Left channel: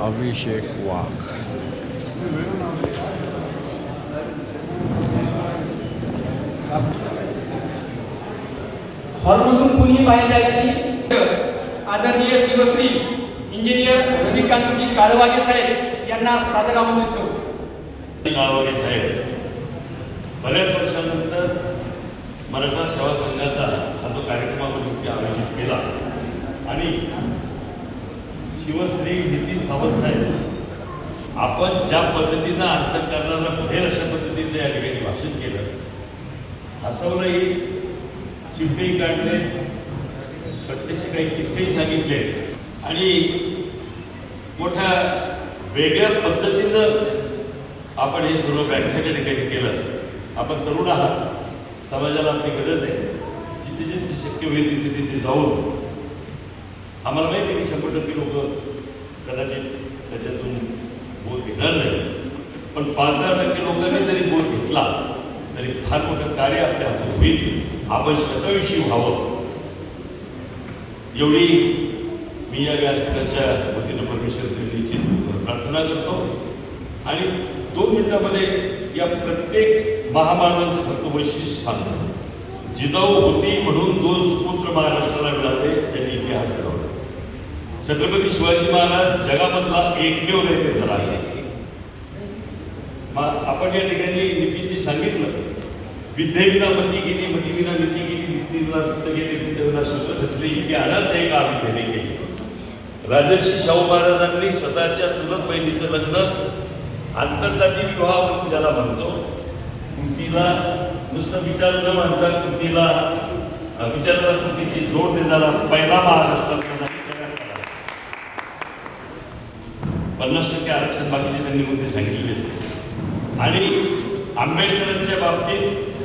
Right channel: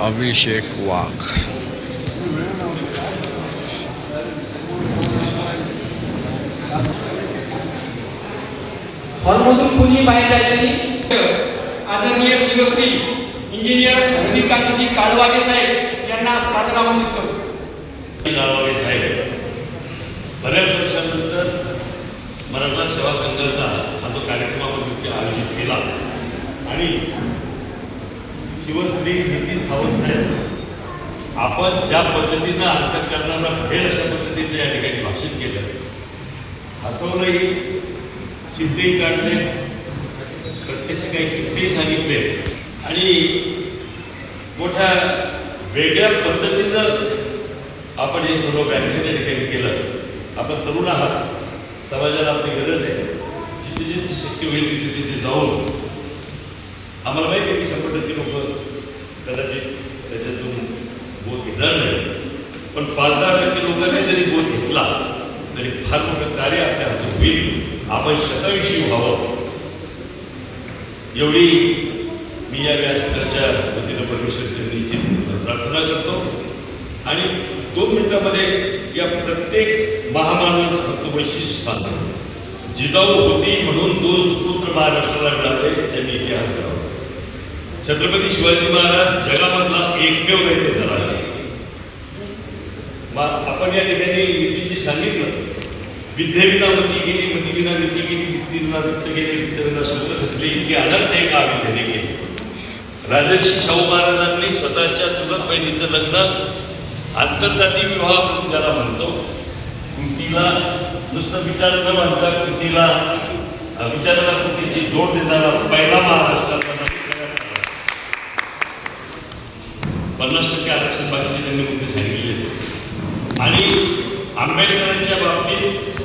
अभिषेक वाघ. हॉलमधून कोणी बाहेर जायचं नाही. आदरणीय शिवश्री इंजिनियर रविकांतजी काळवागे साहेब यांना सादर आमंत्रित करतो. काळवागे साहेब बऱ्याच वर्षानंतर मराठा सेवा संघाचा हा जो कार्यक्रम आयोजित केला आणि शिवश्री नितीन सावंत साहेब आपण ज्या पद्धतीनं अंतकरणाला फेर अशा पद्धतीचं या ठिकाणी भाषण केलं, हसवलंही, चित्तेही काढले, प्रत्यक्ष काही किस्से सांगितले आणि मोठ्या वेगळ्या पद्धतीनं आपण हे सर्व व्याख्यान त्या ठिकाणी केलं. आपण तरुण आहात, समाजाला आपली गरज आहे, जिथे जिथे शक्य होईल तिथे तिथे जाऊन आम्हाला माहिती आहे की 100% लोक कदाचित त्याच्यातून बोध घेणार नाही, पण 5-10% लोकांनी जरी बोध घेतला तरी फार मोठं कार्य आपल्या हातून होईल. आपण शतविषयी व्हावं एवढी मी या व्यासपीठाच्या वतीनं परमेश्वर निश्चित प्रार्थना करतो. आणि 2 मिनिटांमध्ये या प्रत्येक महामानवाचं फक्त वैशिष्ट्य सांगतो. जिजाऊ होती म्हणून 2 सुपुत्र महाराष्ट्राला मिळाले, त्यांनी इतिहास घडवला. छत्रपती शिवाजी महाराज जगामधला एकमेव रयतेचा राजा. आपण या ठिकाणी नितीनजी सांगितलं, विद्येविना मती गेली, मतीविना नीती गेली, नीतीविना वित्त गेली, वित्तविना सूत्र खचली, इतकी अनर्थ एका विद्येने गेली. राजर्षी शाहू महाराजांनी स्वतःच्या चुलत बहिणीचं लग्न आंतरजाती विवाह म्हणून ज्याला म्हणतो, कुंतीला नुसतं विचार न म्हणता कुंतीला विचाराला कुंतीची जोड देणारा पहिला महाराष्ट्राचा 50% आरक्षण बाकीचे त्यांनी मुद्दे सांगितलेच. आणि आंबेडकरांच्या बाबतीत